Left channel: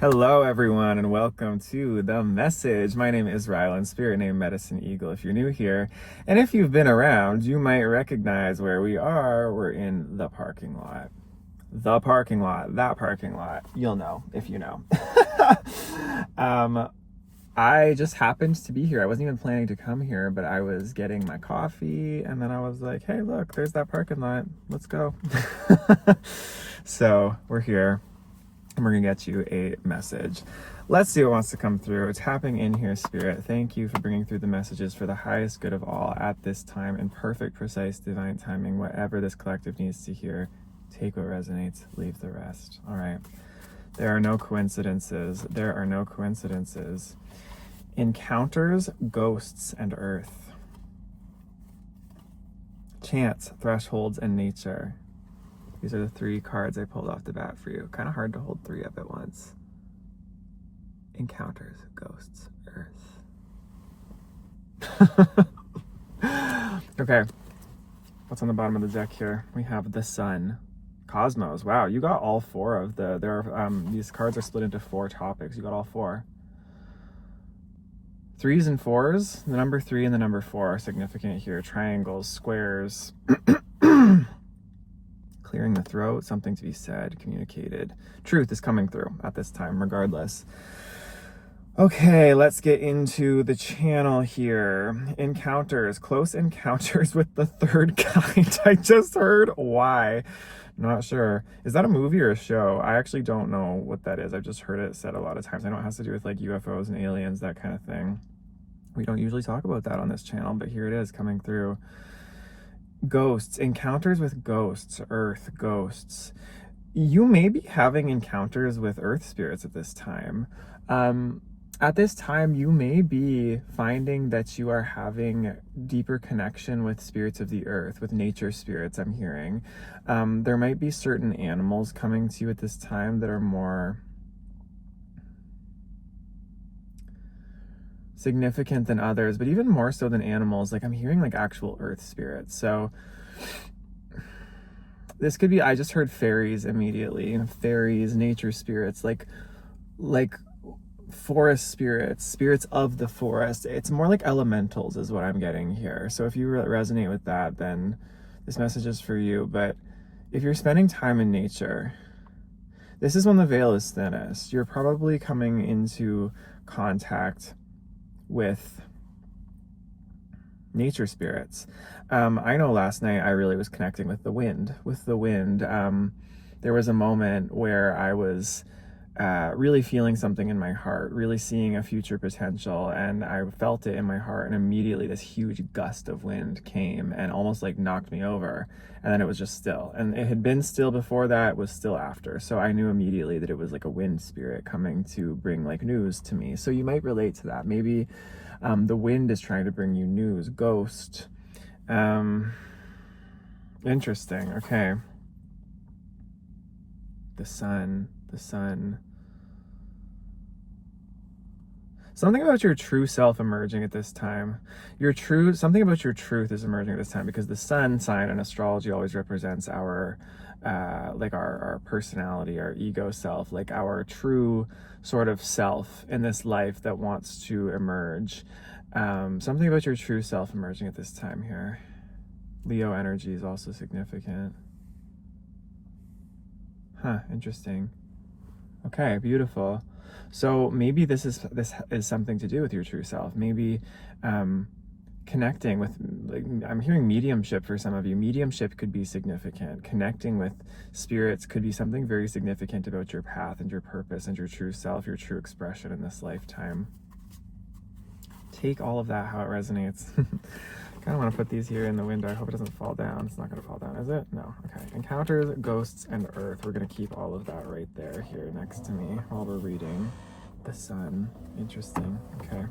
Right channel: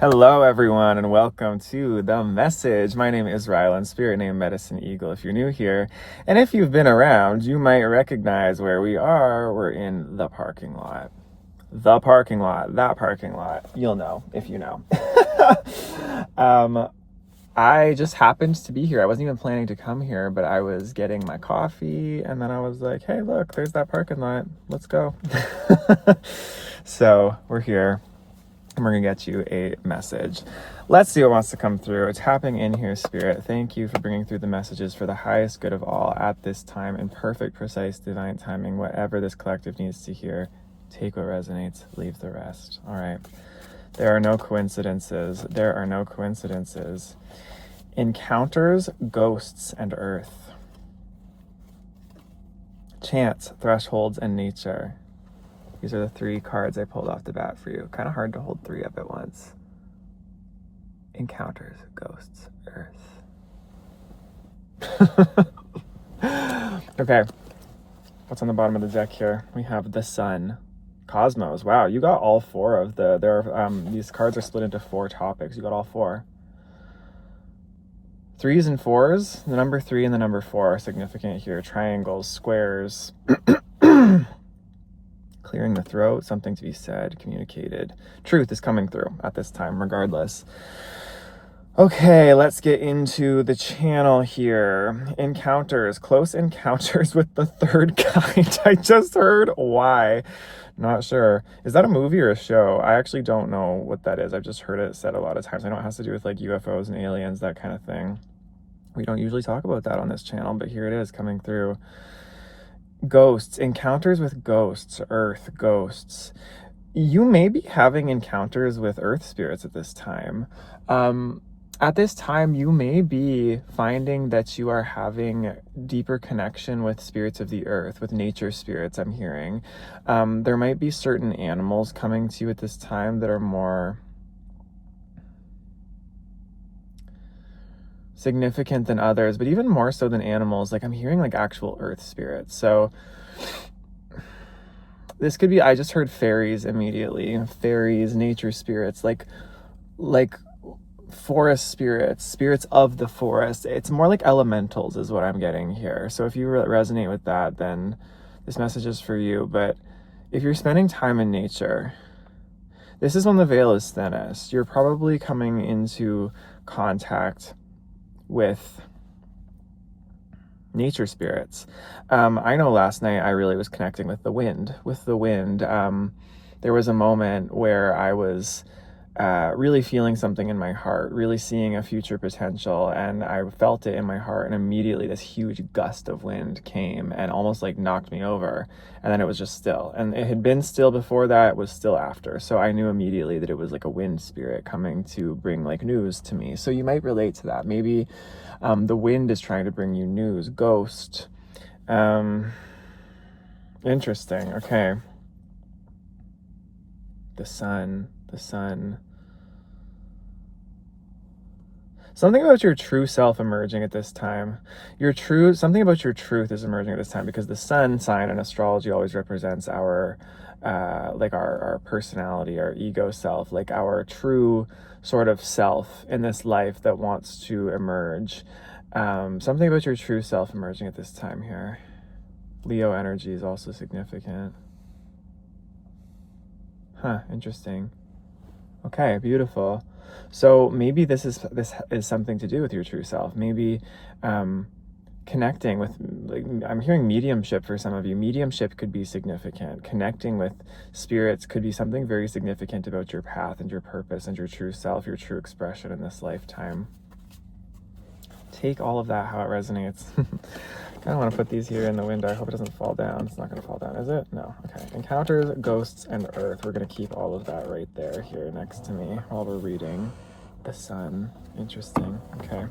Hello, everyone, and welcome to The Message. My name is Rylan, spirit name Medicine Eagle if you're new here. And if you've been around, you might recognize where we are. We're in the parking lot. The parking lot, that parking lot. You'll know if you know. I just happened to be here. I wasn't even planning to come here, but I was getting my coffee, and then I was like, hey, look, there's that parking lot. Let's go. So we're here. And we're gonna get you a message. Let's see what wants to come through. Tapping in here, Spirit. Thank you for bringing through the messages for the highest good of all at this time in perfect, precise, divine timing. Whatever this collective needs to hear, take what resonates, leave the rest. All right. There are no coincidences. There are no coincidences. Encounters, ghosts, and earth. Chance, thresholds, and nature. These are the three cards I pulled off the bat for you. Kind of hard to hold three up at once. Encounters, ghosts, earth. Okay. What's on the bottom of the deck here? We have the sun. Cosmos. Wow, you got all four of these cards are split into four topics. You got all four. Threes and fours. The number 3 and the number 4 are significant here. Triangles, squares. Clearing the throat, something to be said, communicated. Truth is coming through at this time, regardless. Okay, let's get into the channel here. Encounters, close encounters with the third kind. I just heard why. Not sure. Is that a movie or a show? I actually don't know what that is. I've just heard it said a lot of times. I know it has to do with like UFOs and aliens, that kind of thing. We don't usually talk about that on this channel, but here it is coming through. Ghosts, encounters with ghosts, earth, ghosts. You may be having encounters with earth spirits at this time. At this time, you may be finding that you are having deeper connection with spirits of the earth, with nature spirits, I'm hearing. There might be certain animals coming to you at this time that are more significant than others, but even more so than animals. Like I'm hearing like actual earth spirits. So this could be, I just heard fairies immediately. Fairies, nature spirits, like forest spirits, spirits of the forest. It's more like elementals is what I'm getting here. So if you resonate with that, then this message is for you. But if you're spending time in nature, this is when the veil is thinnest. You're probably coming into contact with nature spirits. I know last night I really was connecting with the wind. There was a moment where I was really feeling something in my heart, really seeing a future potential, and I felt it in my heart, and immediately this huge gust of wind came and almost like knocked me over, and then it was just still. And it had been still before that, it was still after. So I knew immediately that it was like a wind spirit coming to bring like news to me. So you might relate to that. Maybe the wind is trying to bring you news. Ghost. Interesting. Okay. The sun. Something about your true self emerging at this time. Something about your truth is emerging at this time, because the sun sign in astrology always represents our personality, our ego self, like our true sort of self in this life that wants to emerge. Something about your true self emerging at this time here. Leo energy is also significant. Interesting. Okay, beautiful. So maybe this is something to do with your true self. Maybe connecting with, like, I'm hearing mediumship for some of you. Mediumship could be significant. Connecting with spirits could be something very significant about your path and your purpose and your true self, your true expression in this lifetime. Take all of that how it resonates. I don't want to put these here in the window. I hope it doesn't fall down. It's not going to fall down, is it? No. Okay. Encounters, ghosts, and earth. We're going to keep all of that right there here next to me while we're reading. The sun. Interesting. Okay.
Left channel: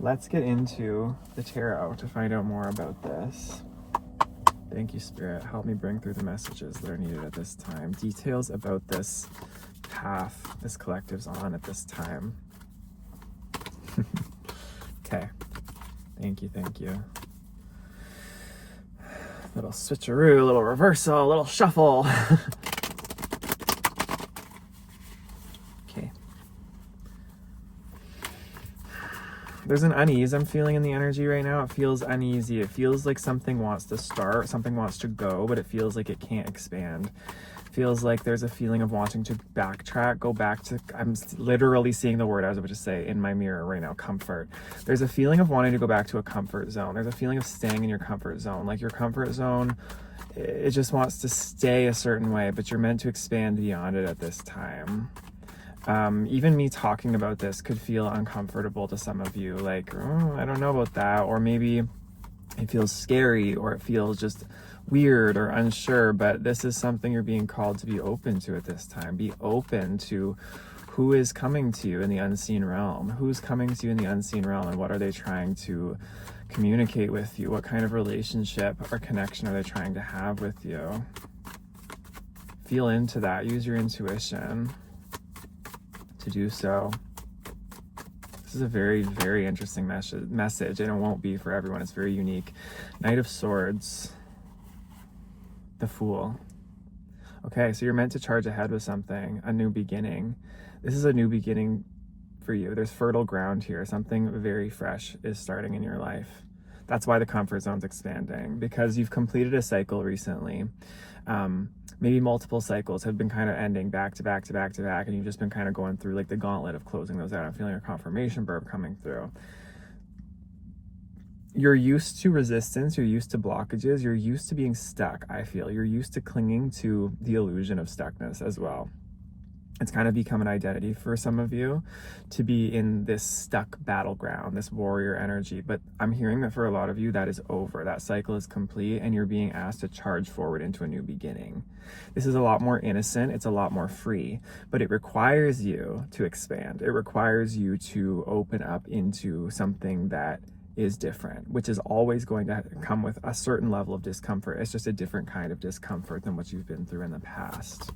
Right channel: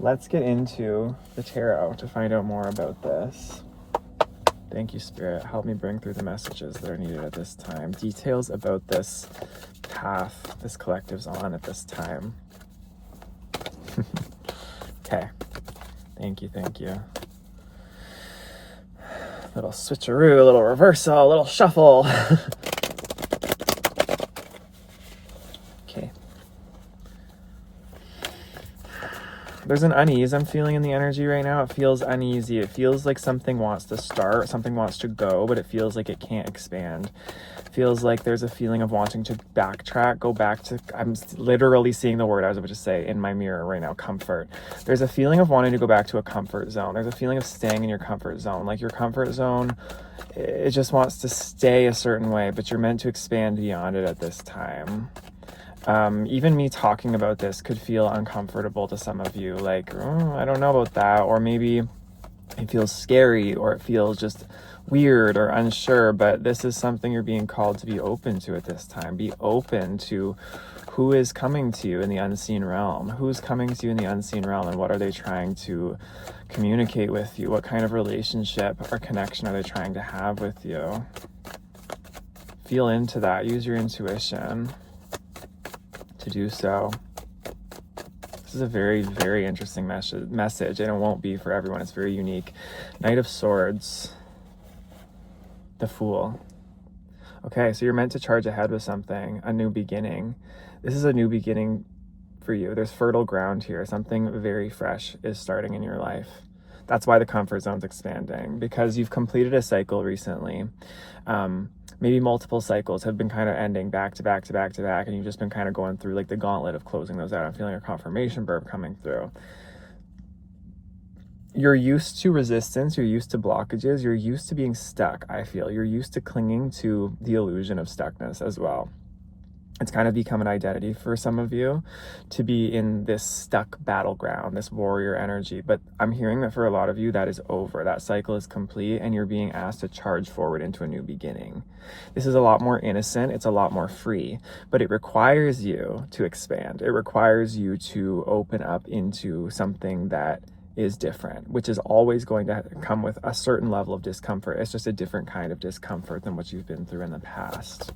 Let's get into the tarot to find out more about this. Thank you, Spirit. Help me bring through the messages that are needed at this time. Details about this path this collective's on at this time. Okay. Thank you. Little switcheroo, a little reversal, a little shuffle. There's an unease I'm feeling in the energy right now. It feels uneasy. It feels like something wants to start, something wants to go, but it feels like it can't expand. It feels like there's a feeling of wanting to backtrack, go back to, I'm literally seeing the word I was about to say in my mirror right now, comfort. There's a feeling of wanting to go back to a comfort zone. There's a feeling of staying in your comfort zone. Like your comfort zone, it just wants to stay a certain way, but you're meant to expand beyond it at this time. Even me talking about this could feel uncomfortable to some of you, like, I don't know about that, or maybe it feels scary, or it feels just weird or unsure, but this is something you're being called to be open to at this time. Be open to who is coming to you in the unseen realm. Who's coming to you in the unseen realm, and what are they trying to communicate with you? What kind of relationship or connection are they trying to have with you? Feel into that. Use your intuition to do so. This is a very, very interesting message, and it won't be for everyone. It's very unique. Knight of Swords, the Fool. Okay, so you're meant to charge ahead with something, a new beginning. This is a new beginning for you. There's fertile ground here. Something very fresh is starting in your life. That's why the comfort zone's expanding, because you've completed a cycle recently. Maybe multiple cycles have been kind of ending back to back to back to back, and you've just been kind of going through like the gauntlet of closing those out. I'm feeling a confirmation burp coming through. You're used to resistance, you're used to blockages, you're used to being stuck, I feel. You're used to clinging to the illusion of stuckness as well. It's kind of become an identity for some of you to be in this stuck battleground, this warrior energy. But I'm hearing that for a lot of you, that is over. That cycle is complete, and you're being asked to charge forward into a new beginning. This is a lot more innocent. It's a lot more free, but it requires you to expand. It requires you to open up into something that is different, which is always going to come with a certain level of discomfort. It's just a different kind of discomfort than what you've been through in the past.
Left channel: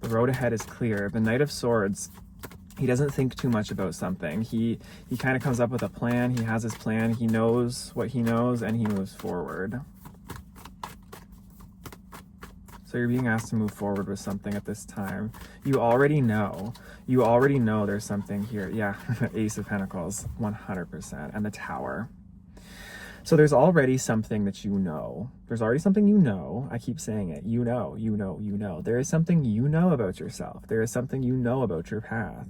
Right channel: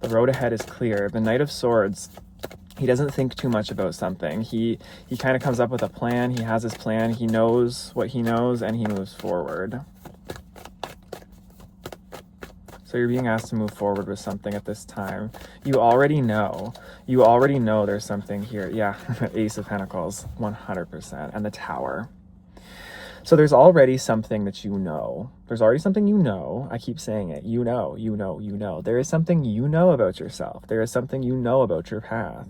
The road ahead is clear. The Knight of Swords, he doesn't think too much about something. He kind of comes up with a plan. He has his plan. He knows what he knows, and he moves forward. So you're being asked to move forward with something at this time. You already know. You already know there's something here. Yeah, Ace of Pentacles, 100%. And the Tower. So there's already something that you know. There's already something you know. I keep saying it. You know, you know, you know. There is something you know about yourself. There is something you know about your path.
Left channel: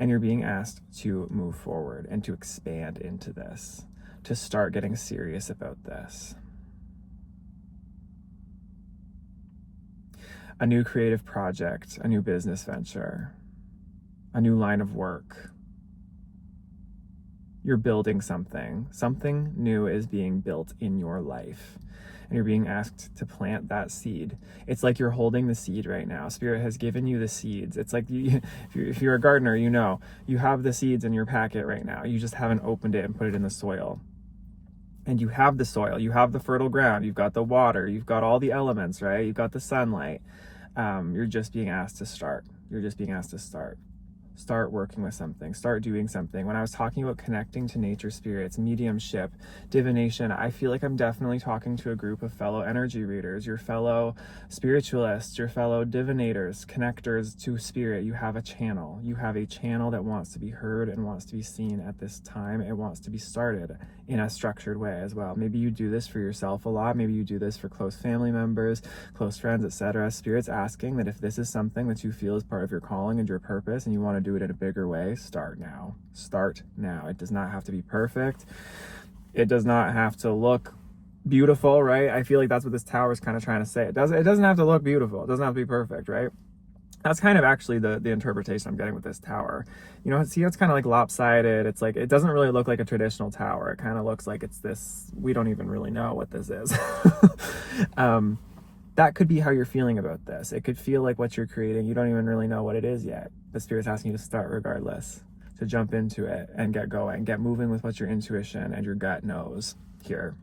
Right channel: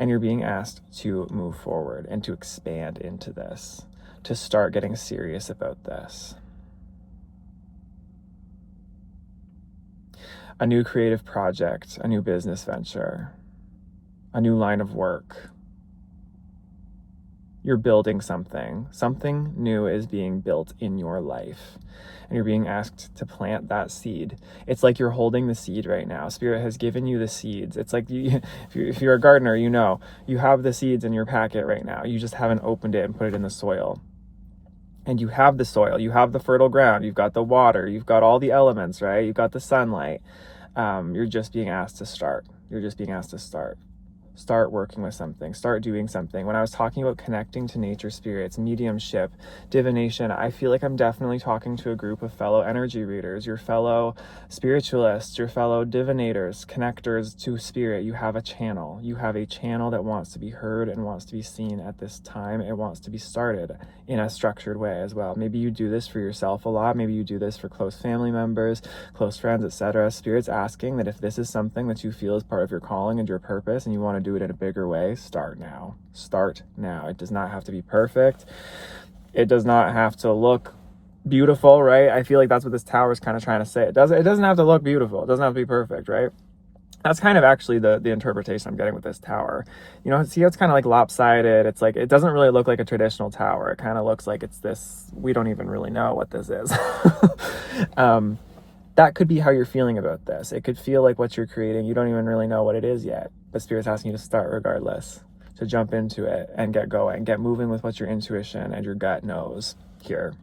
And you're being asked to move forward and to expand into this, to start getting serious about this. A new creative project, a new business venture, a new line of work. You're building something. Something new is being built in your life, and you're being asked to plant that seed. It's like you're holding the seed right now. Spirit has given you the seeds. It's like if you're a gardener, you know, you have the seeds in your packet right now. You just haven't opened it and put it in the soil. And you have the soil, you have the fertile ground, you've got the water, you've got all the elements, right? You've got the sunlight. You're just being asked to start. You're just being asked to start. Start working with something, start doing something. When I was talking about connecting to nature spirits, mediumship, divination, I feel like I'm definitely talking to a group of fellow energy readers, your fellow spiritualists, your fellow divinators, connectors to spirit. You have a channel. You have a channel that wants to be heard and wants to be seen at this time. It wants to be started in a structured way as well. Maybe you do this for yourself a lot. Maybe you do this for close family members, close friends, etc. Spirit's asking that if this is something that you feel is part of your calling and your purpose, and you want to do it in a bigger way, start now. Start now. It does not have to be perfect. It does not have to look beautiful, right? I feel like that's what this tower is kind of trying to say. It doesn't have to look beautiful. It doesn't have to be perfect, right? That's kind of actually the interpretation I'm getting with this tower. You know, see how it's kind of like lopsided? It's like, it doesn't really look like a traditional tower. It kind of looks like it's this, we don't even really know what this is. That could be how you're feeling about this. It could feel like what you're creating, you don't even really know what it is yet. But Spirit's asking you to start regardless, to jump into it and get going, get moving with what your intuition and your gut knows here.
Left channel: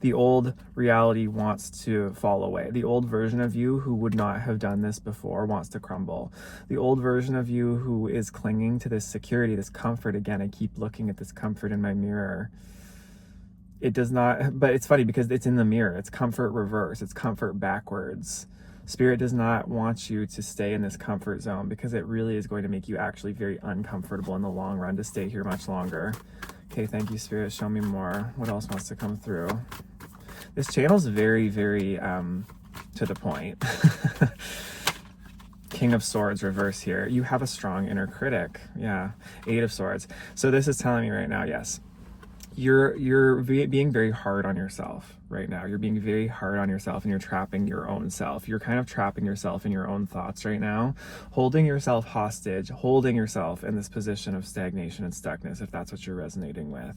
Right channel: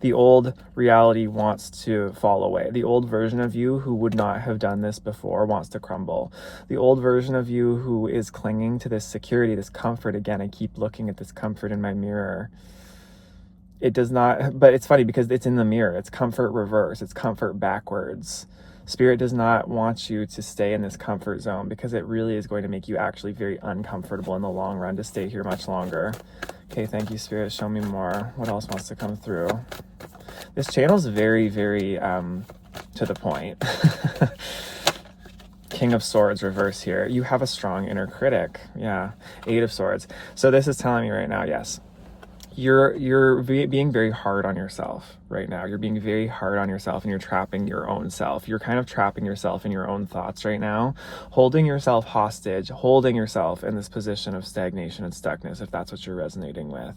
The old reality wants to fall away. The old version of you who would not have done this before wants to crumble. The old version of you who is clinging to this security, this comfort, again, I keep looking at this comfort in my mirror. It does not, but it's funny because it's in the mirror. It's comfort reverse. It's comfort backwards. Spirit does not want you to stay in this comfort zone, because it really is going to make you actually very uncomfortable in the long run to stay here much longer. Okay, thank you, Spirit. Show me more. What else wants to come through? This channel is very, very to the point. King of Swords reverse here. You have a strong inner critic. Yeah. 8 of Swords. So this is telling me right now, yes, you're being very hard on yourself right now. You're being very hard on yourself, and you're trapping your own self. You're kind of trapping yourself in your own thoughts right now, holding yourself hostage, holding yourself in this position of stagnation and stuckness, if that's what you're resonating with.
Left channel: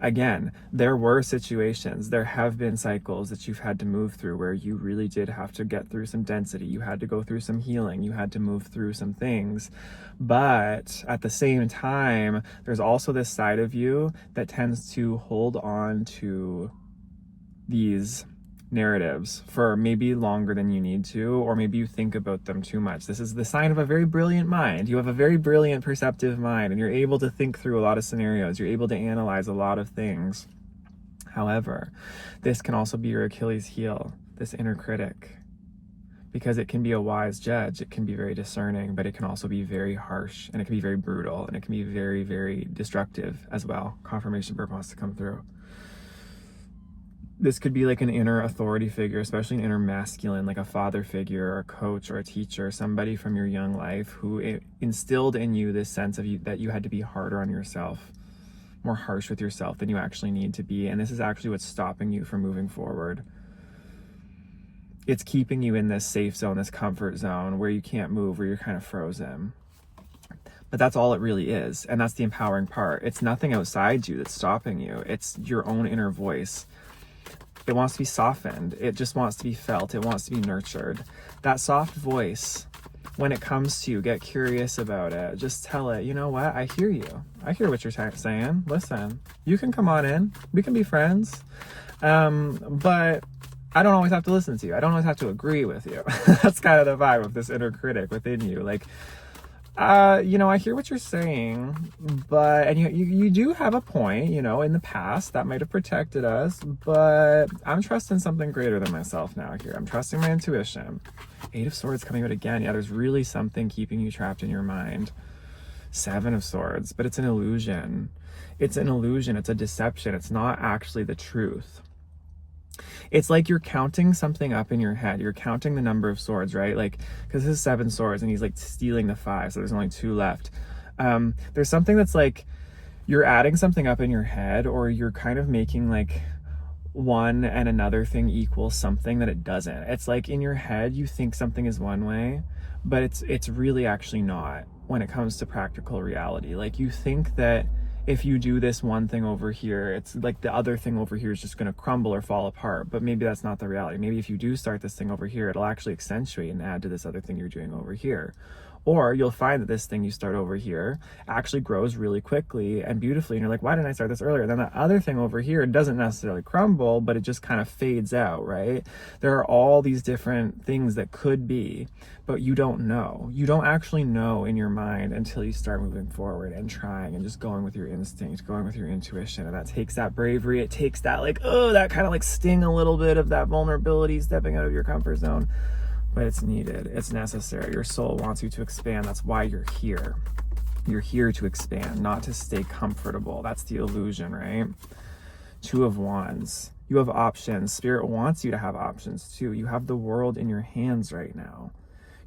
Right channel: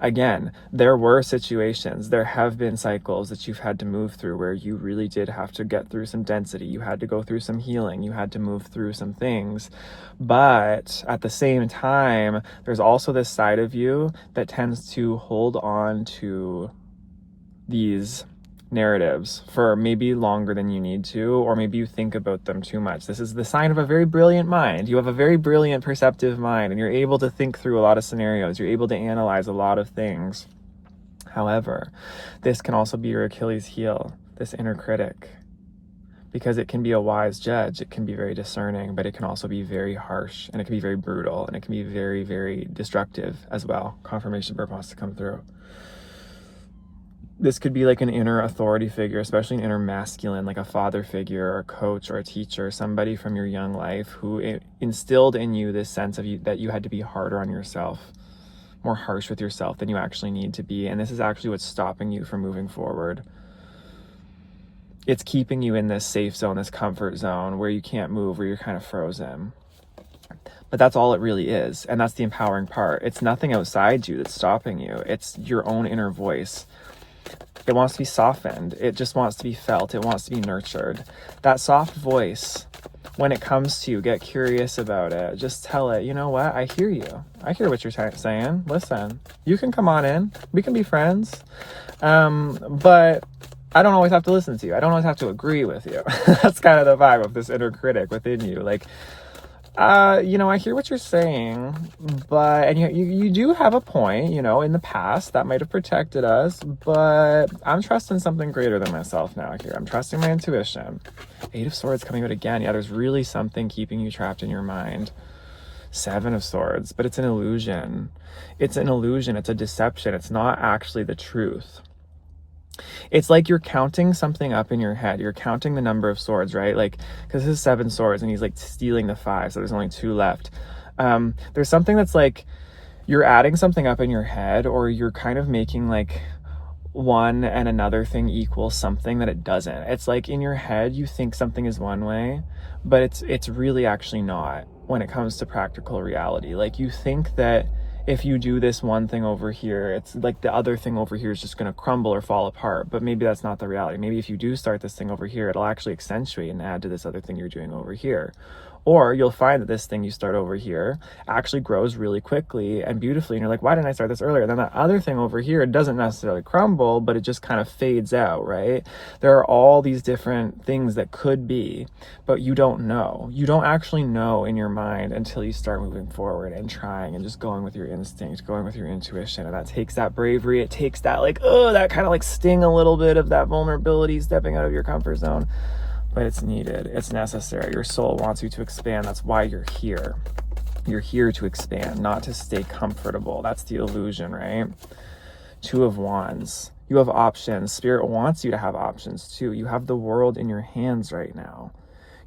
Again, there were situations, there have been cycles that you've had to move through where you really did have to get through some density. You had to go through some healing. You had to move through some things. But at the same time, there's also this side of you that tends to hold on to these narratives for maybe longer than you need to, or maybe you think about them too much. This is the sign of a very brilliant mind. You have a very brilliant, perceptive mind, and you're able to think through a lot of scenarios. You're able to analyze a lot of things. However, this can also be your Achilles heel, this inner critic, because it can be a wise judge. It can be very discerning, but it can also be very harsh, and it can be very brutal, and it can be very, very destructive as well. Confirmation bird wants to come through. This could be like an inner authority figure, especially an inner masculine, like a father figure or a coach or a teacher, somebody from your young life who instilled in you this sense of you that you had to be harder on yourself, more harsh with yourself than you actually need to be. And this is actually what's stopping you from moving forward. It's keeping you in this safe zone, this comfort zone where you can't move, where you're kind of frozen. But that's all it really is. And that's the empowering part. It's nothing outside you that's stopping you. It's your own inner voice. It wants to be softened. It just wants to be felt. It wants to be nurtured. That soft voice, when it comes to you, get curious about it. Just tell it, you know what? I hear you. I hear what you're saying. Listen, you can come on in. We can be friends. But I don't always have to listen to you. I don't always have to agree with you. That's kind of the vibe of this inner critic within you. Like, I hear what you're saying, and you do have a point, in the past that might have protected us, but I'm trusting something greater than myself now here. I'm trusting my intuition. 8 of Swords coming out again. Yeah, there's really something keeping you trapped in your mind. 7 of Swords, but it's an illusion. It's an illusion. It's a deception. It's not actually the truth. It's like you're counting something up in your head. You're counting the number of swords, right? Like, because this is 7 swords and he's like stealing the 5, so there's only 2 left. There's something that's like you're adding something up in your head, or you're kind of making like one and another thing equal something that it doesn't. It's like in your head you think something is one way, but it's really actually not when it comes to practical reality. Like, you think that if you do this one thing over here, it's like the other thing over here is just going to crumble or fall apart. But maybe that's not the reality. Maybe if you do start this thing over here, it'll actually accentuate and add to this other thing you're doing over here. Or you'll find that this thing you start over here actually grows really quickly and beautifully. And you're like, why didn't I start this earlier? Then that other thing over here doesn't necessarily crumble, but it just kind of fades out, right? There are all these different things that could be, but you don't know. You don't actually know in your mind until you start moving forward and trying and just going with your instinct, going with your intuition. And that takes that bravery. It takes that that kind of like sting a little bit of that vulnerability, stepping out of your comfort zone. But it's needed. It's necessary. Your soul wants you to expand. That's why you're here. You're here to expand, not to stay comfortable. That's the illusion, right? 2 of Wands. You have options. Spirit wants you to have options too. You have the world in your hands right now.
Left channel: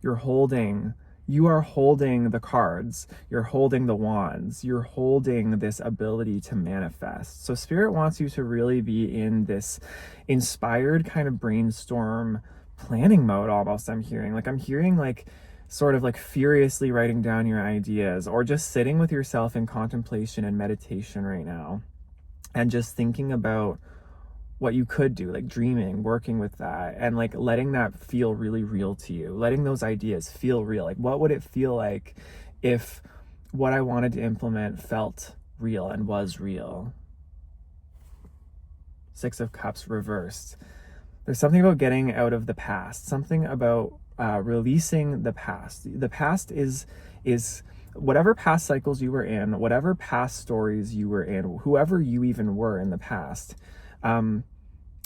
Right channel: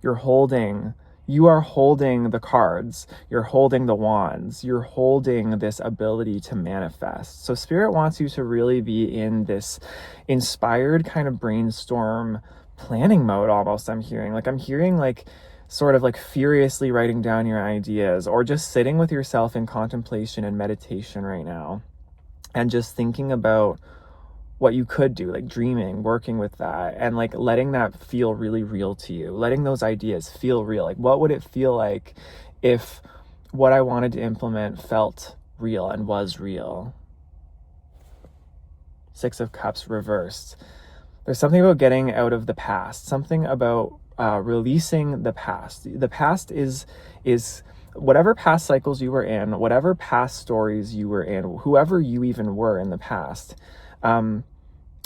You are holding the cards. You're holding the wands. You're holding this ability to manifest. So Spirit wants you to really be in this inspired kind of brainstorm planning mode almost. I'm hearing like sort of like furiously writing down your ideas, or just sitting with yourself in contemplation and meditation right now and just thinking about what you could do, like dreaming, working with that, and like letting that feel really real to you, letting those ideas feel real. Like, what would it feel like if what I wanted to implement felt real and was real? 6 of Cups reversed. There's something about getting out of the past, something about releasing the past. The past is whatever past cycles you were in, whatever past stories you were in, whoever you even were in the past.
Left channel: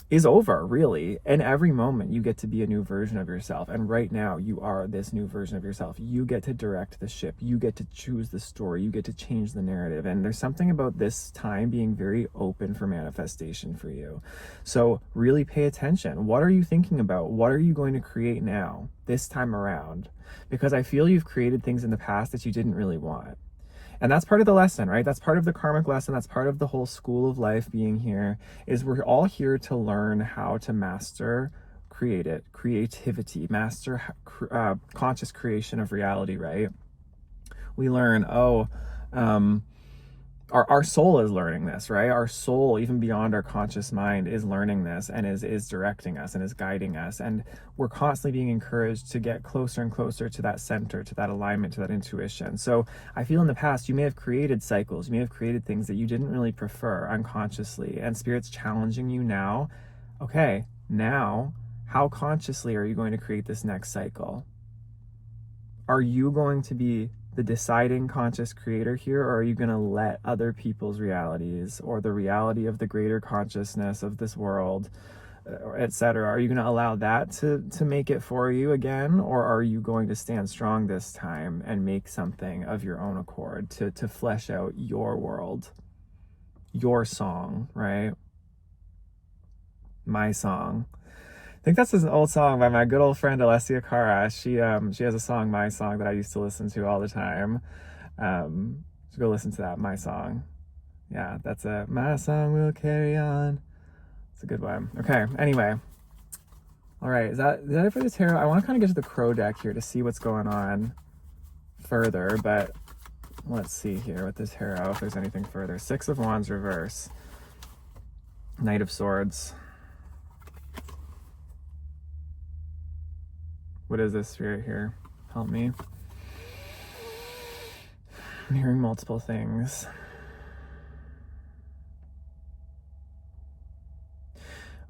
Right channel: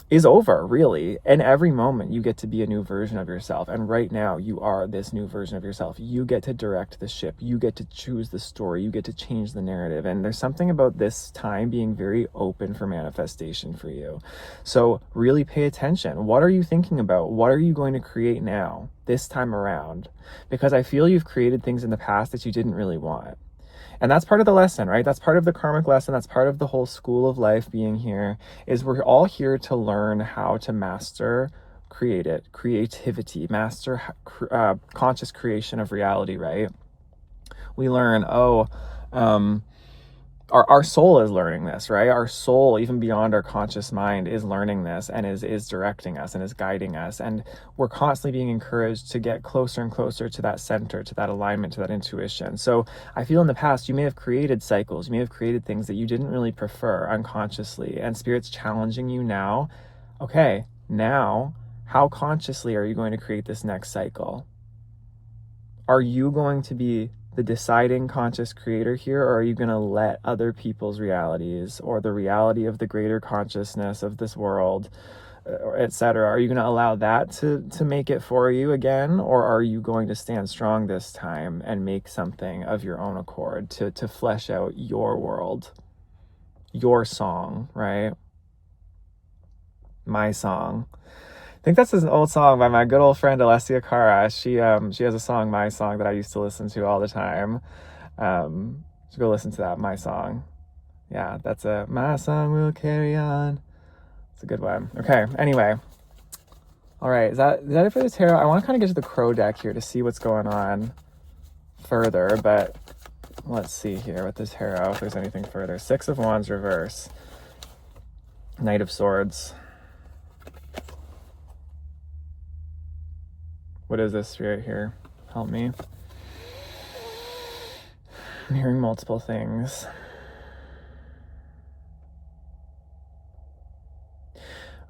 is over, really. And every moment you get to be a new version of yourself. And right now you are this new version of yourself. You get to direct the ship. You get to choose the story. You get to change the narrative. And there's something about this time being very open for manifestation for you. So really pay attention. What are you thinking about? What are you going to create now, this time around? Because I feel you've created things in the past that you didn't really want. And that's part of the lesson, right? That's part of the karmic lesson. That's part of the whole school of life being here, is we're all here to learn how to master creativity, master conscious creation of reality, right? We learn, our soul is learning this, right? Our soul, even beyond our conscious mind, is learning this and is directing us and is guiding us. And we're constantly being encouraged to get closer and closer to that center, to that alignment, to that intuition. So I feel in the past, you may have created cycles, you may have created things that you didn't really prefer unconsciously, and Spirit's challenging you now. Okay, now, how consciously are you going to create this next cycle? Are you going to be the deciding conscious creator here, or are you going to let other people's realities or the reality of the greater consciousness of this world, etc., are you going to allow that to make it for you again, or are you going to stand strong this time and make something of your own accord to flesh out your world, your song, right? My song. I think that's an old song by my good old friend Alessia Cara. She has a song, My Song, that I used to listen to all the time. So go listen to that, My Song. Yeah, that's My Song Will Carry On. It's a good one. Okay, anyway. All right, is that it for the tarot? I want to kind of get to the crow deck here to see what's going on further, but let's see here with this tarot if there's anything further. Six of Wands reverse. Knight of Swords. What is this Spirit here? Help me. I'm hearing multiple things.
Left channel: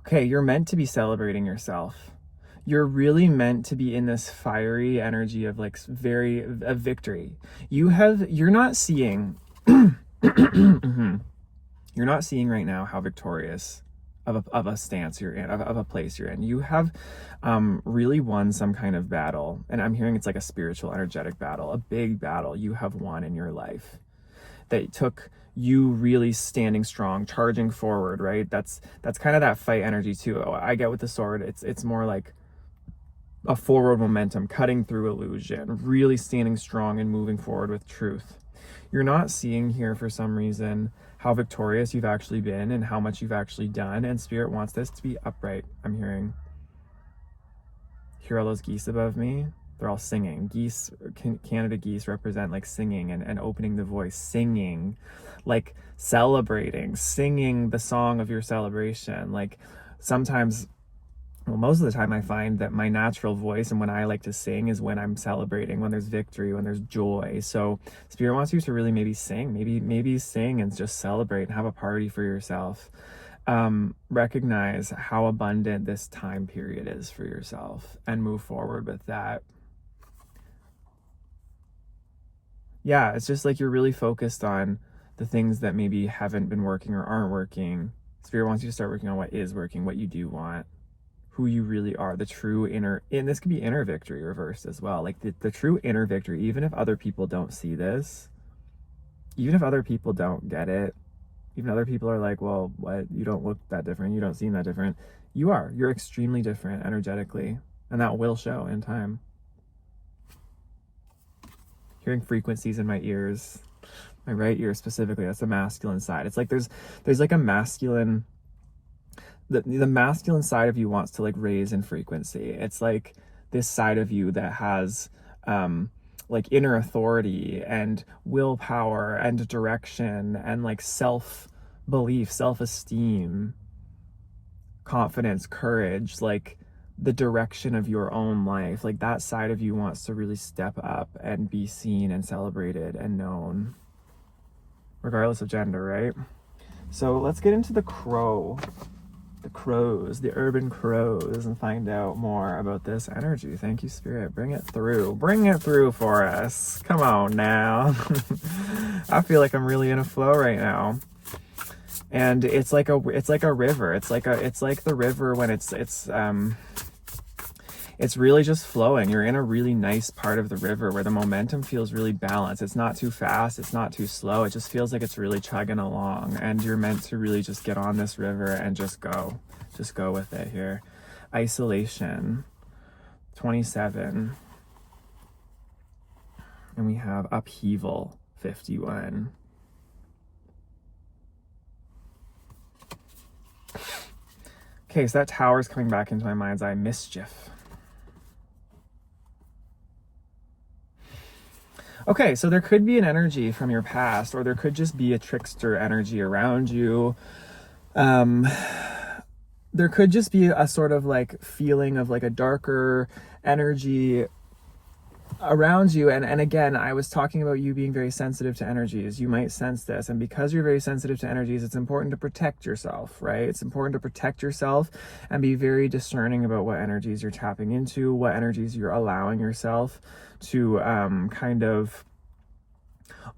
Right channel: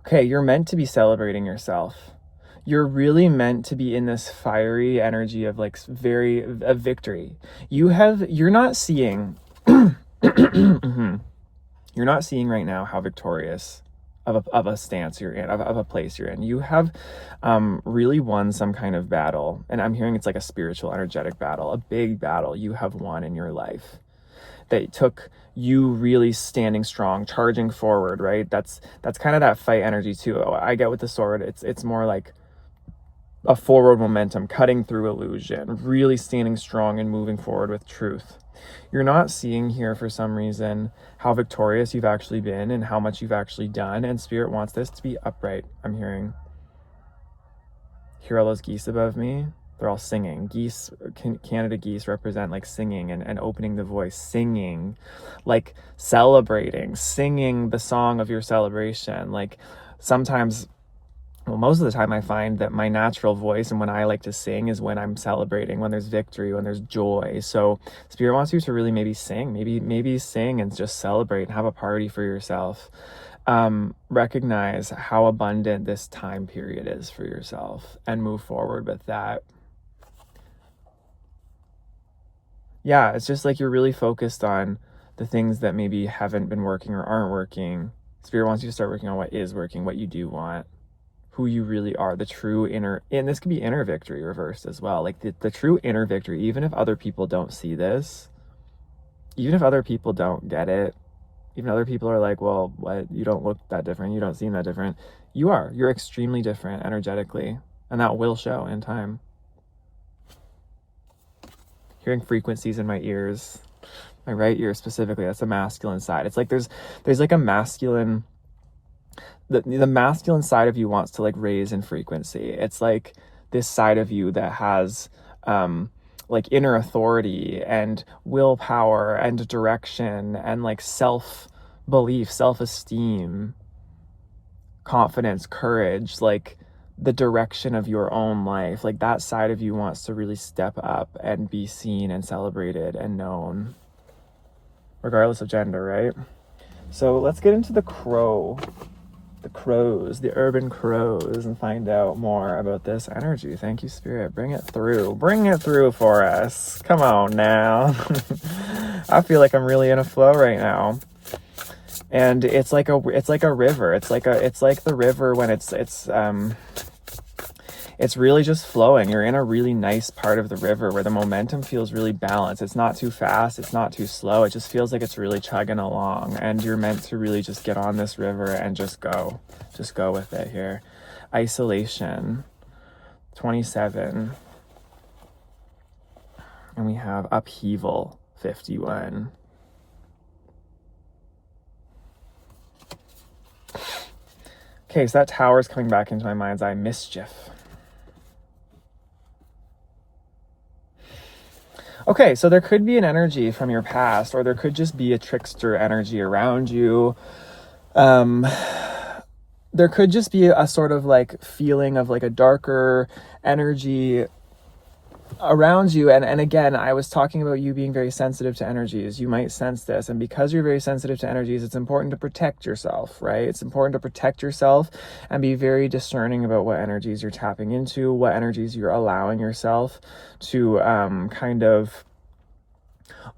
Okay, you're meant to be celebrating yourself. You're really meant to be in this fiery energy of like a victory. You're not seeing you're not seeing right now how victorious of a stance you're in, of a place you're in. You have really won some kind of battle. And I'm hearing it's like a spiritual, energetic battle, a big battle you have won in your life that took you really standing strong, charging forward, right? That's kind of that fight energy too. I get with the sword, it's more like a forward momentum, cutting through illusion, really standing strong and moving forward with truth. You're not seeing here for some reason how victorious you've actually been and how much you've actually done, and Spirit wants this to be upright. I'm hearing. Hear all those geese above me? They're all singing. Geese, Canada geese represent like singing and opening the voice, singing, like celebrating, singing the song of your celebration. Like sometimes, well, most of the time I find that my natural voice and when I like to sing is when I'm celebrating, when there's victory, when there's joy. So Spirit wants you to really maybe sing, maybe sing and just celebrate and have a party for yourself. Recognize how abundant this time period is for yourself and move forward with that. Yeah, it's just like you're really focused on the things that maybe haven't been working or aren't working. Spirit wants you to start working on what is working, what you do want, who you really are, the true inner, and this could be inner victory reversed as well. Like the true inner victory, even if other people don't see this, even if other people don't get it, even other people are like, well, what? You don't look that different. You don't seem that different. You are. You're extremely different energetically, and that will show in time. Hearing frequencies in my ears, my right ear specifically, that's the masculine side. It's like there's like a masculine, the masculine side of you wants to like raise in frequency. It's like this side of you that has like inner authority and willpower and direction and like self-belief, self-esteem, confidence, courage, like the direction of your own life. Like that side of you wants to really step up and be seen and celebrated and known, regardless of gender, right? So let's get into the crows, the urban crows, and find out more about this energy. Thank you, Spirit. Bring it through for us. Come on now. I feel like I'm really in a flow right now. And it's like a river. It's like the river when it's really just flowing. You're in a really nice part of the river where the momentum feels really balanced. It's not too fast, it's not too slow. It just feels like it's really chugging along, and you're meant to really just get on this river and just go with it here. Isolation, 27. And we have upheaval, 51. Okay, so that tower is coming back into my mind's eye. Mischief. Okay, so there could be an energy from your past, or there could just be a trickster energy around you. There could just be a sort of like feeling of like a darker energy around you. And again, I was talking about you being very sensitive to energies. You might sense this, and because you're very sensitive to energies, it's important to protect yourself, right? It's important to protect yourself and be very discerning about what energies you're tapping into, what energies you're allowing yourself to kind of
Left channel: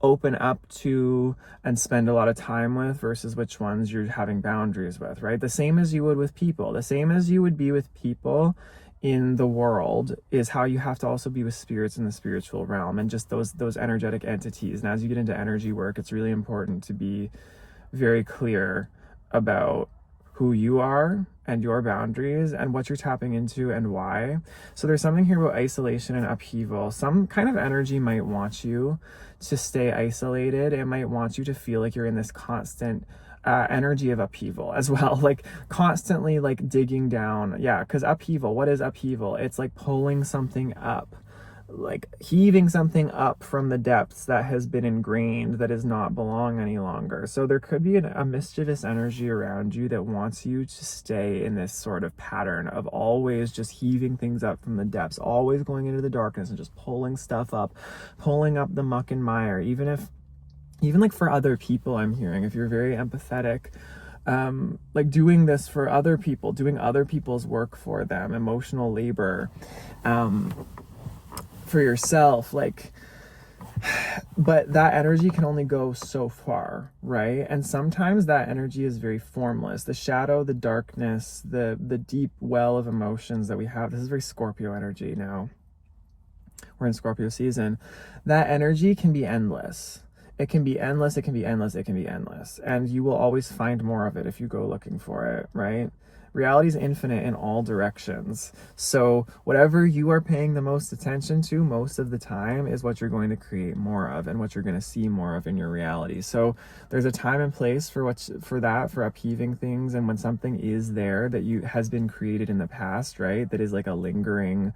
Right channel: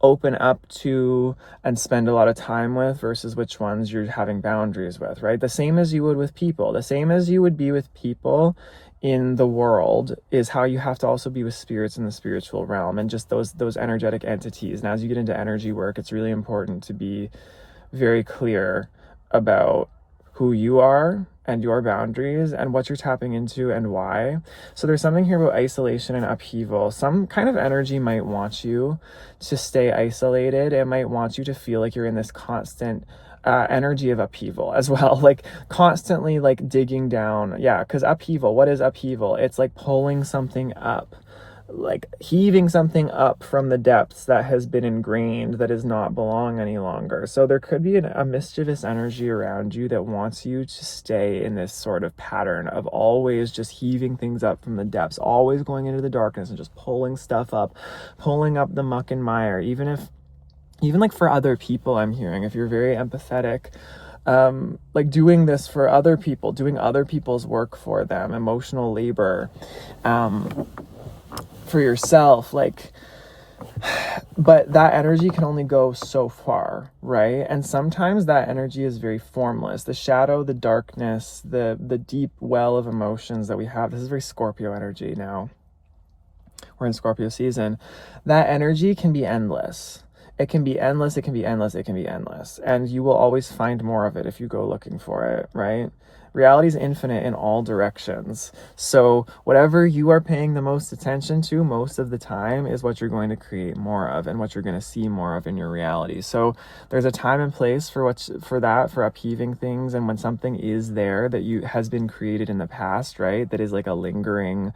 open up to and spend a lot of time with, versus which ones you're having boundaries with, right? The same as you would with people, the same as you would be with people in the world is how you have to also be with spirits in the spiritual realm, and just those energetic entities. And as you get into energy work, it's really important to be very clear about who you are and your boundaries and what you're tapping into and why. So there's something here about isolation and upheaval. Some kind of energy might want you to stay isolated. It might want you to feel like you're in this constant energy of upheaval as well, like constantly like digging down. Yeah, because upheaval, what is upheaval? It's like pulling something up, like heaving something up from the depths that has been ingrained, that does not belong any longer. So there could be a mischievous energy around you that wants you to stay in this sort of pattern of always just heaving things up from the depths, always going into the darkness and just pulling stuff up, pulling up the muck and mire. Even like for other people, I'm hearing, if you're very empathetic, like doing this for other people, doing other people's work for them, emotional labor, for yourself, like, but that energy can only go so far, right? And sometimes that energy is very formless. The shadow, the darkness, the deep well of emotions that we have, this is very Scorpio energy now. We're in Scorpio season. That energy can be endless. It can be endless, it can be endless, it can be endless. And you will always find more of it if you go looking for it, right? Reality is infinite in all directions. So whatever you are paying the most attention to most of the time is what you're going to create more of and what you're going to see more of in your reality. So there's a time and place for upheaving things. And when something is there that has been created in the past, right, that is like a lingering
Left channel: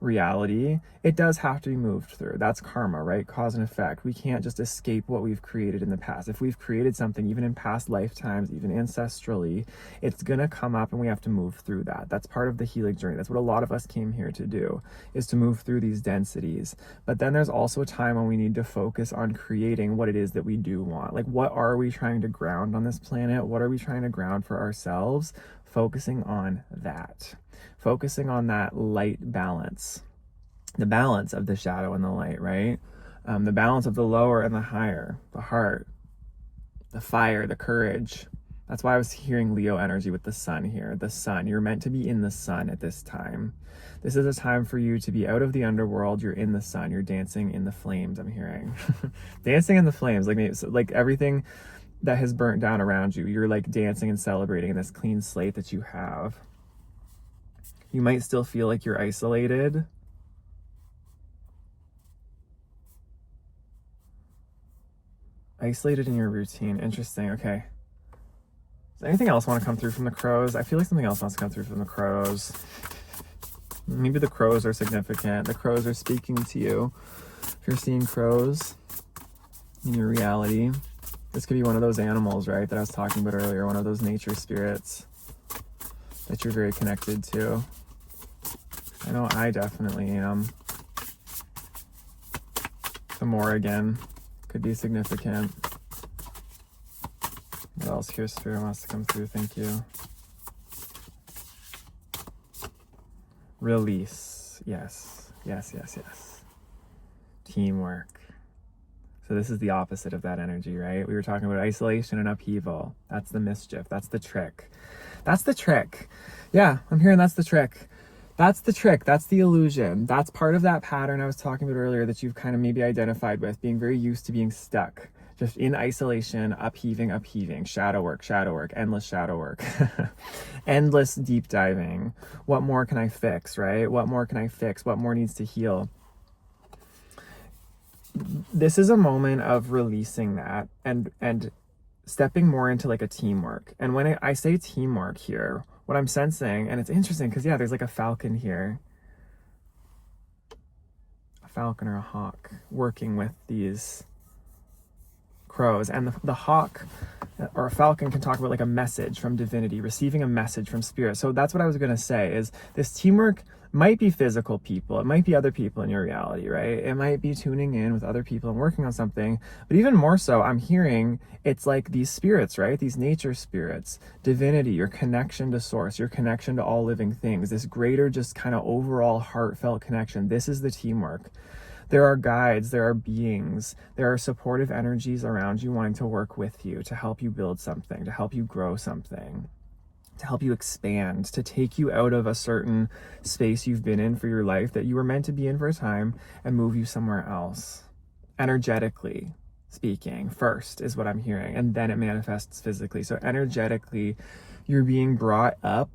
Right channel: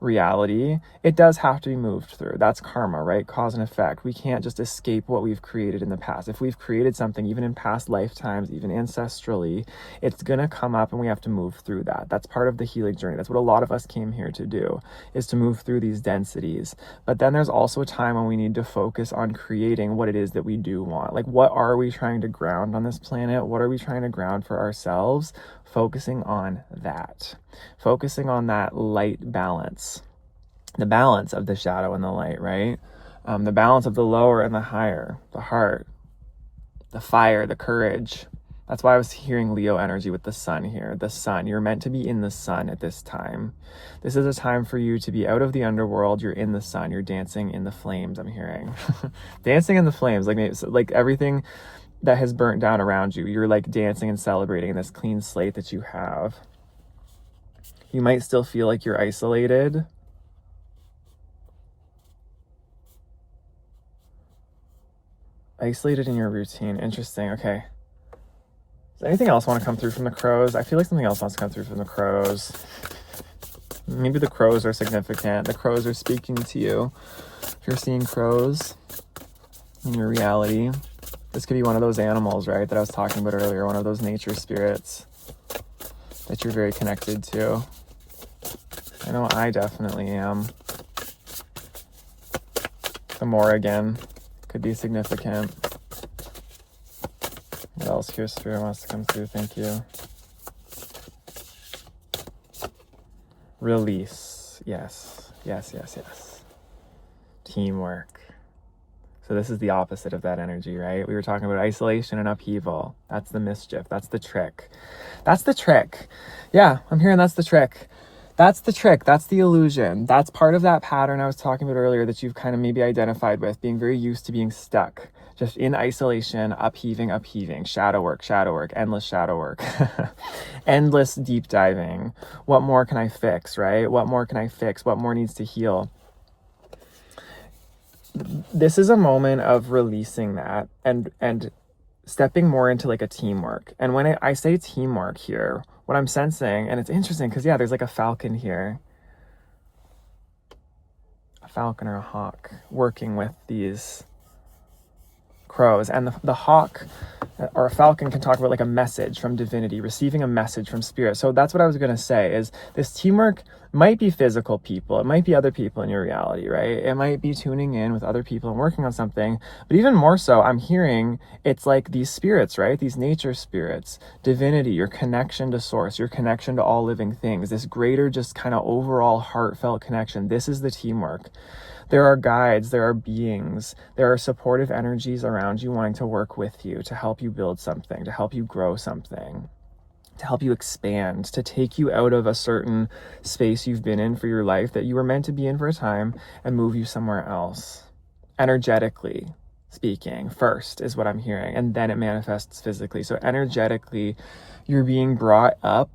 reality, it does have to be moved through. That's karma, right? Cause and effect. We can't just escape what we've created in the past. If we've created something, even in past lifetimes, even ancestrally, it's gonna come up and we have to move through that. That's part of the healing journey. That's what a lot of us came here to do, is to move through these densities. But then there's also a time when we need to focus on creating what it is that we do want. Like, what are we trying to ground on this planet? What are we trying to ground for ourselves? Focusing on that. Focusing on that light balance. The balance of the shadow and the light, right? The balance of the lower and the higher. The heart, the fire, the courage. That's why I was hearing Leo energy with the sun here. The sun. You're meant to be in the sun at this time. This is a time for you to be out of the underworld. You're in the sun. You're dancing in the flames, I'm hearing. Dancing in the flames. Like everything that has burnt down around you, you're like dancing and celebrating in this clean slate that you have. You might still feel like you're isolated. Isolated in your routine. Interesting. Okay. Does anything else want to come through from the crows? I feel like something else wants to come through from the crows. Maybe the crows are significant. The crows are speaking to you. If you're seeing crows in your reality, this could be one of those animals, right, that I was talking about earlier, one of those nature spirits that you're very connected to. I know I definitely am. The Morrigan could be significant. What else here, Spirit, wants to come through? Thank you. Release. Yes. Yes, yes, yes. Teamwork. So this is the opposite of that energy, right? We were talking about isolation and upheaval. That's the mischief. That's the trick. That's the trick. Yeah, I'm hearing that's the trick. That's the trick. That's the illusion. That's part of that pattern I was talking about earlier that you've kind of maybe identified with, being very used to being stuck, just in isolation, upheaving, shadow work, endless shadow work, endless deep diving. What more can I fix, right? What more can I fix? What more needs to heal? This is a moment of releasing that and stepping more into like a teamwork. And when I say teamwork here, what I'm sensing, and it's interesting because, yeah, there's like a falcon here, a falcon or a hawk working with these crows. And the hawk or a falcon can talk about like a message from divinity, receiving a message from spirit. So that's what I was going to say, is this teamwork might be physical people. It might be other people in your reality, right? It might be tuning in with other people and working on something. But even more so, I'm hearing it's like these spirits, right? These nature spirits, divinity, your connection to source, your connection to all living things, this greater just kind of overall heartfelt connection. This is the teamwork. There are guides, there are beings, there are supportive energies around you wanting to work with you, to help you build something, to help you grow something, to help you expand, to take you out of a certain space you've been in for your life that you were meant to be in for a time and move you somewhere else. Energetically speaking, first is what I'm hearing, and then it manifests physically. So energetically, you're being brought up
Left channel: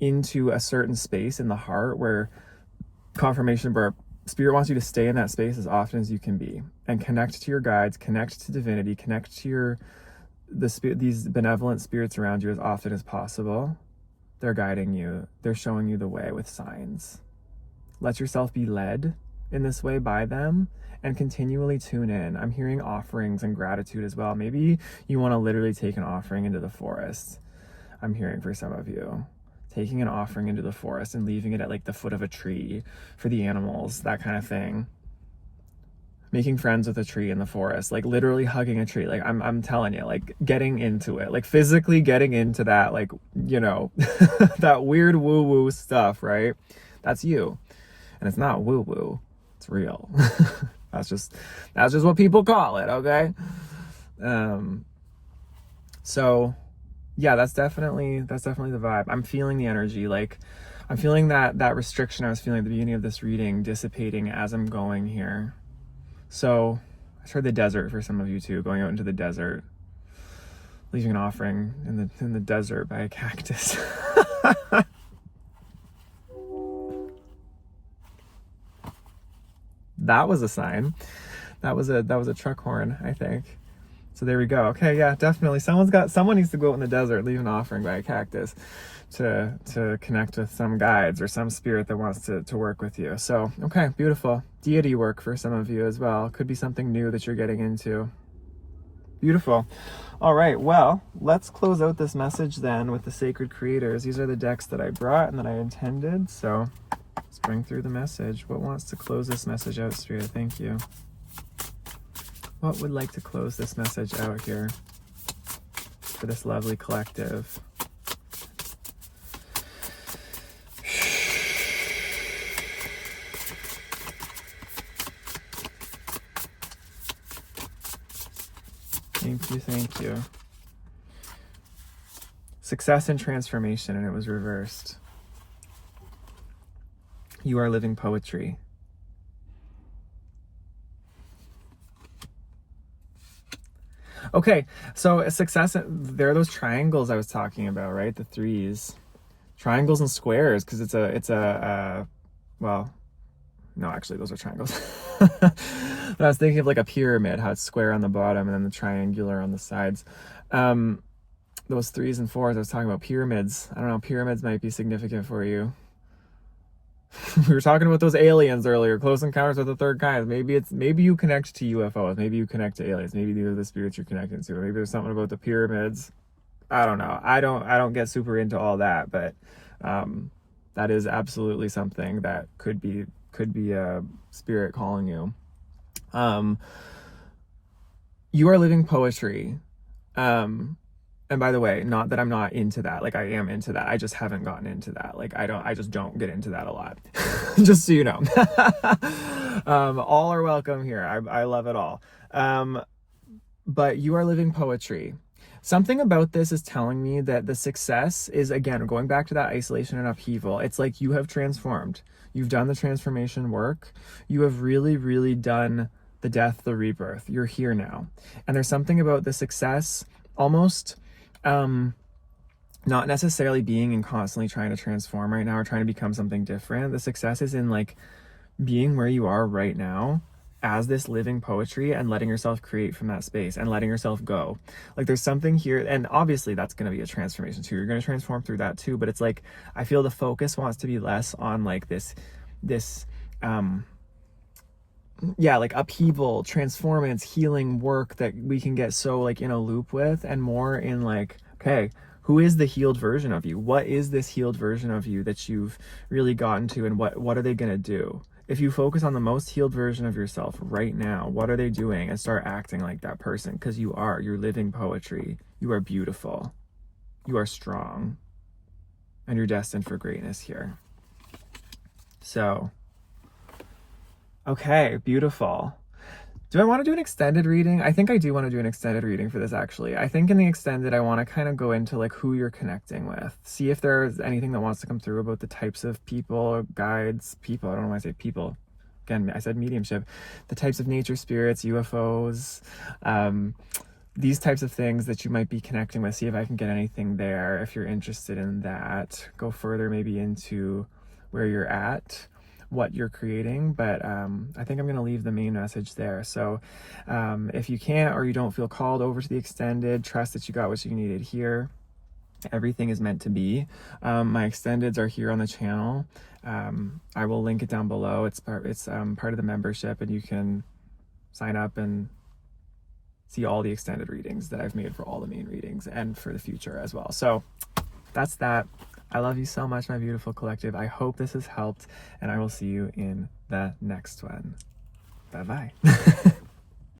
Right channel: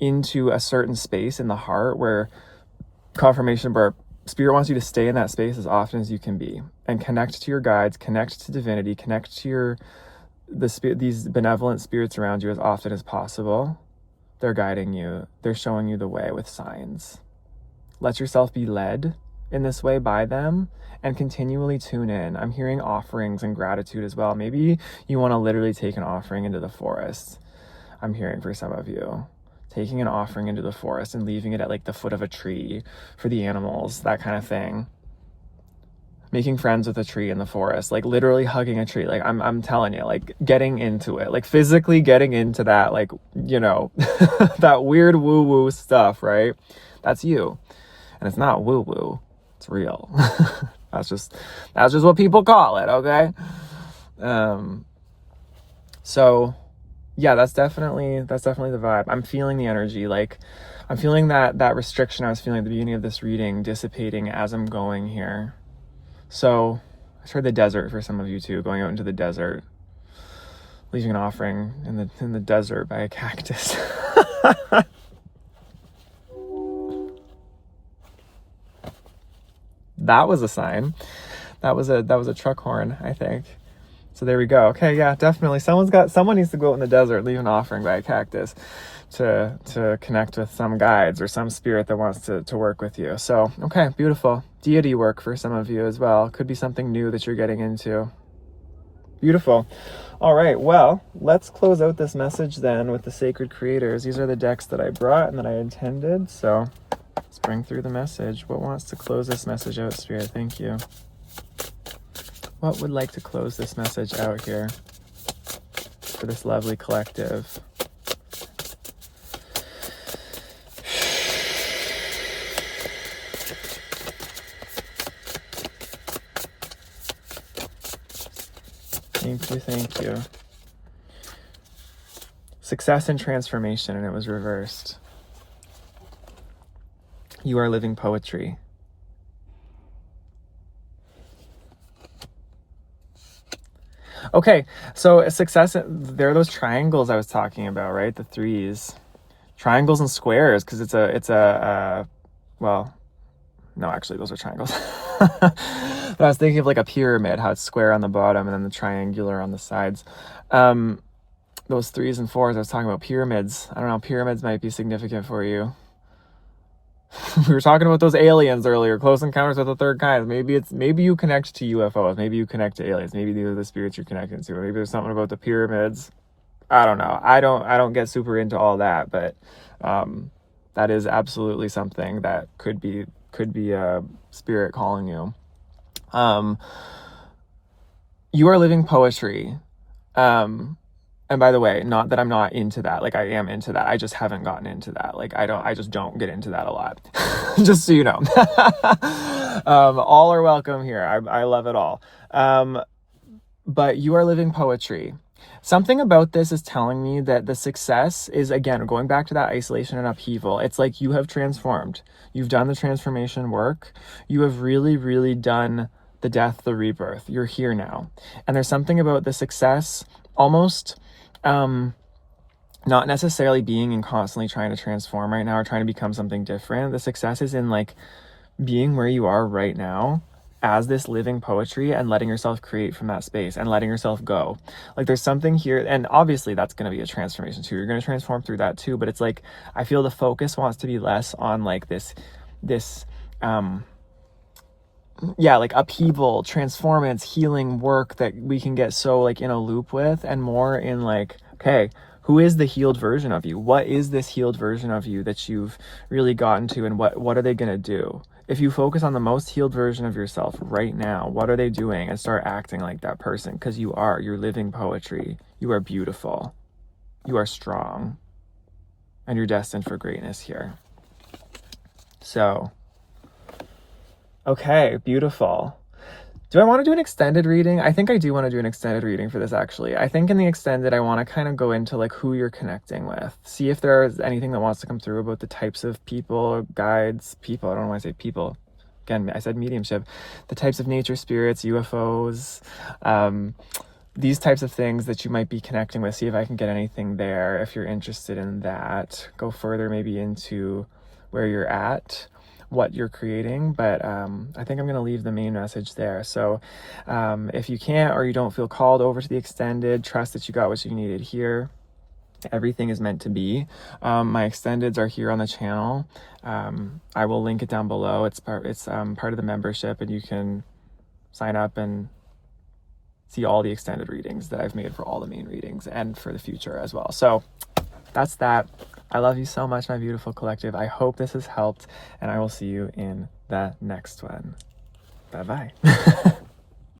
into a certain space in the heart where confirmation burp. Spirit wants you to stay in that space as often as you can be and connect to your guides, connect to divinity, connect to these benevolent spirits around you as often as possible. They're guiding you. They're showing you the way with signs. Let yourself be led in this way by them and continually tune in. I'm hearing offerings and gratitude as well. Maybe you want to literally take an offering into the forest. I'm hearing for some of you. Taking an offering into the forest and leaving it at like the foot of a tree for the animals, that kind of thing. Making friends with a tree in the forest, like literally hugging a tree. Like I'm telling you, like getting into it, like physically getting into that, like, you know, that weird woo-woo stuff, right? That's you. And it's not woo-woo, it's real. That's just what people call it, okay? So yeah, that's definitely the vibe. I'm feeling the energy. Like I'm feeling that restriction I was feeling at the beginning of this reading dissipating as I'm going here. So I heard the desert for some of you too, going out into the desert, leaving an offering in the desert by a cactus. That was a sign. That was a truck horn, I think. So there we go. Okay, yeah, definitely. Someone needs to go out in the desert, leave an offering by a cactus to connect with some guides or some spirit that wants to work with you. So, okay, beautiful. Deity work for some of you as well. Could be something new that you're getting into. Beautiful. All right, well, let's close out this message then with the Sacred Creators. These are the decks that I brought and that I intended. So let's bring through the message. What wants to close this message out, Spirit? Thank you. What would like to close this message out here for this lovely collective? Thank you. Success and transformation, and it was reversed. You are living poetry. Okay, so success, there are those triangles I was talking about, right? The threes. Triangles and squares, because it's a well, no, actually, those are triangles. But I was thinking of like a pyramid, how it's square on the bottom and then the triangular on the sides. Those threes and fours, I was talking about pyramids. I don't know, pyramids might be significant for you. We were talking about those aliens earlier, close encounters with the third kind. Maybe you connect to UFOs. Maybe you connect to aliens. Maybe these are the spirits you're connecting to. Maybe there's something about the pyramids. I don't know. I don't get super into all that, but that is absolutely something that could be a spirit calling you. You are living poetry. And by the way, not that I'm not into that. Like, I am into that. I just haven't gotten into that. Like, I just don't get into that a lot. Just so you know. All are welcome here. I love it all. But you are living poetry. Something about this is telling me that the success is, again, going back to that isolation and upheaval. It's like you have transformed. You've done the transformation work. You have really, really done the death, the rebirth. You're here now. And there's something about the success almost not necessarily being and constantly trying to transform right now or trying to become something different. The success is in like being where you are right now as this living poetry and letting yourself create from that space and letting yourself go. Like there's something here, and obviously that's going to be a transformation too. You're going to transform through that too, but it's like I feel the focus wants to be less on like this like upheaval, transformance, healing work that we can get so like in a loop with, and more in like, okay, who is the healed version of you? What is this healed version of you that you've really gotten to, and what are they going to do? If you focus on the most healed version of yourself right now, what are they doing? And start acting like that person, because you're living poetry. You are beautiful. You are strong. And you're destined for greatness here. So, okay, beautiful. Do I want to do an extended reading? I think I do want to do an extended reading for this, actually. I think in the extended, I want to kind of go into like who you're connecting with. See if there's anything that wants to come through about the types of people, guides, people. I don't know why I say people. Again, I said mediumship. The types of nature spirits, UFOs, these types of things that you might be connecting with. See if I can get anything there. If you're interested in that, go further maybe into where you're at, what you're creating, but I think I'm going to leave the main message there. So if you can't or you don't feel called over to the extended, trust that you got what you needed here. Everything is meant to be. My extendeds are here on the channel. I will link it down below. It's part of the membership, and you can sign up and see all the extended readings that I've made for all the main readings and for the future as well. So that's that. I love you so much, my beautiful collective. I hope this has helped, and I will see you in the next one. Bye-bye.